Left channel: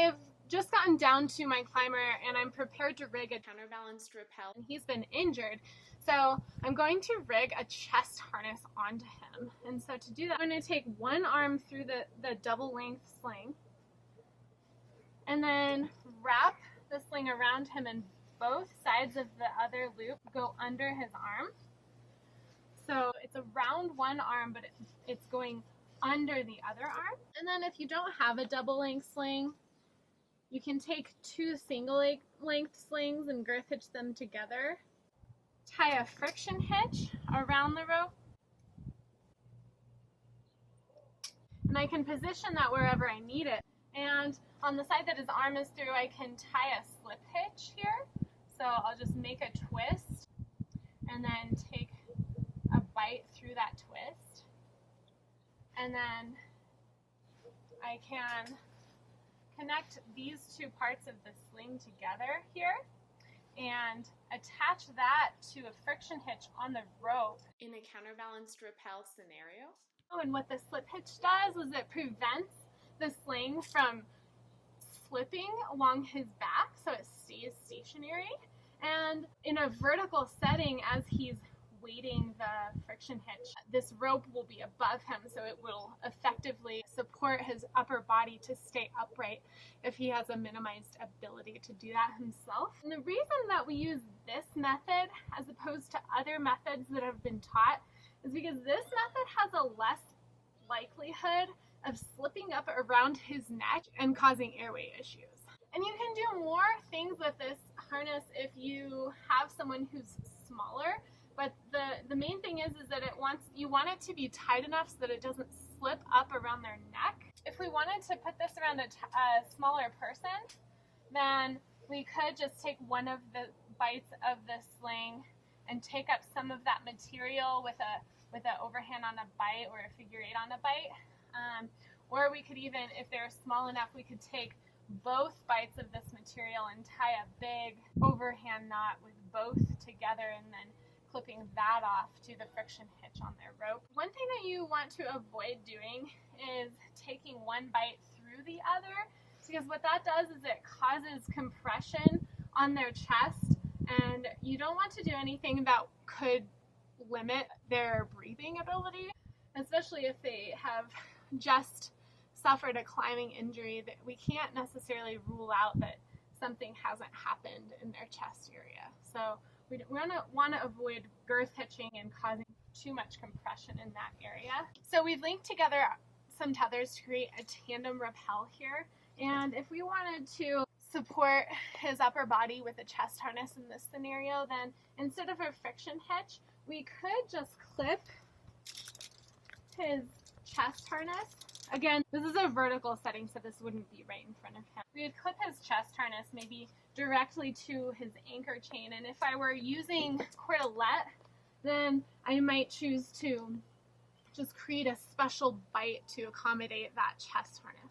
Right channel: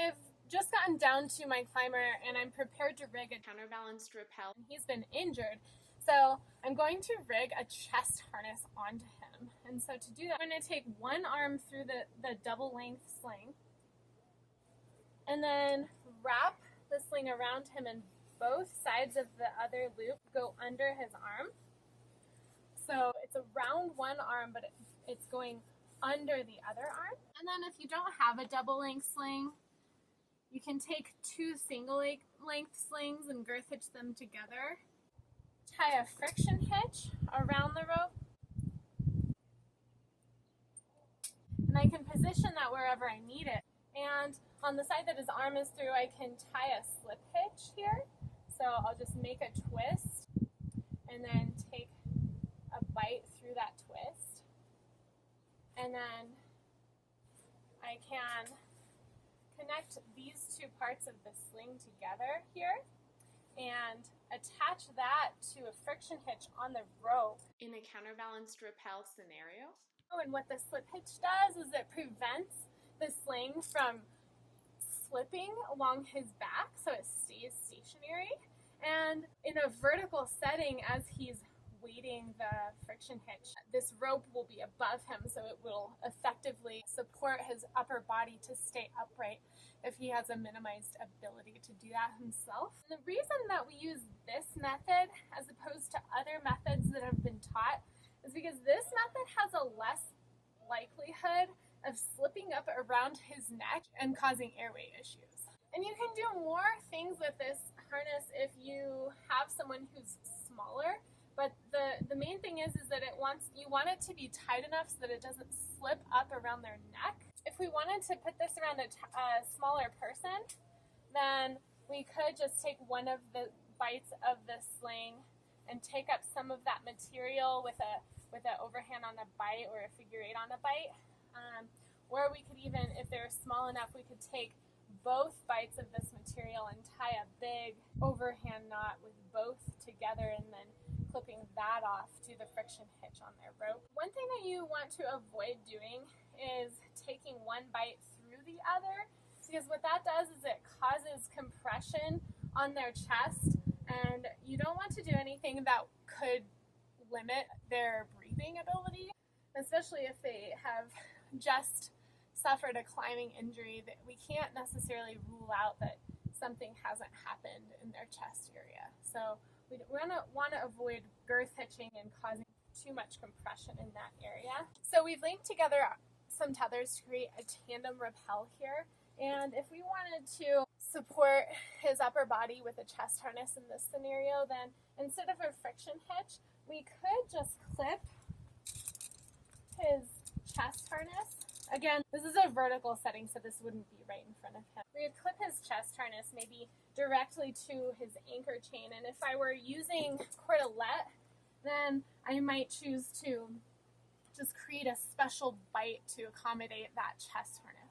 have just gotten down to my climber and I'm prepared to rig a counterbalanced rappel. He's been injured, so I'm going to rig a chest harness onto him. And so to do that, I'm going to take one arm through the double length sling and then wrap the sling around him, and both sides of the other loop go under his arm. So it's around one arm, but it's going under the other arm. And then if you don't have a double length sling, you can take two single length slings and girth hitch them together. Tie a friction hitch around the rope. And I can position that wherever I need it. And on the side that his arm is through, I can tie a slip hitch here. So I'll just make a twist and then take a bite through that twist. And then I can connect these two parts of the sling together here and attach that to a friction hitch on the rope in a counterbalanced rappel scenario. Oh, and what the slip hitch does is it prevents the sling from slipping along his back, so it stays stationary. And in a vertical setting, as he's weighting the friction hitch, this rope will be above him, so it will effectively support his upper body to stay upright if he has a minimized ability to do that himself. And the reason that we use this method as opposed to other methods that have been taught is because this method has a less likelihood of slipping up around his neck and causing airway issues. And you can do more things with this harness if you have someone who's smaller. But the main thing is that you want it to be tight enough so that it doesn't slip up around their neck. If we wanted to put this around a smaller person, then we could just take one of the bites of the sling and take up some of that material with an overhand on a bite or a figure eight on a bite. Or we could even, if they're small enough, we could take both bites of this material and tie a big overhand knot with both together and then clipping that off to the friction hitch on their rope. One thing that you want to avoid doing is taking one bite through the other, because what that does is it causes compression on their chest, and you don't want to do anything that could limit their breathing ability, especially if they have just suffered a climbing injury. That we can't necessarily rule out that something hasn't happened in their chest area. So we want to avoid girth hitching and causing too much compression in that area. So we've linked together some tethers to create a tandem rappel here. And if we wanted to support his upper body with a chest harness in this scenario, then instead of a friction hitch, we could just clip his chest harness. Again, this is a vertical setting, so this wouldn't be right in front of him. We would clip his chest harness maybe directly to his anchor chain, and if I were using cordelette, then I might choose to just create a special bite to accommodate that chest harness.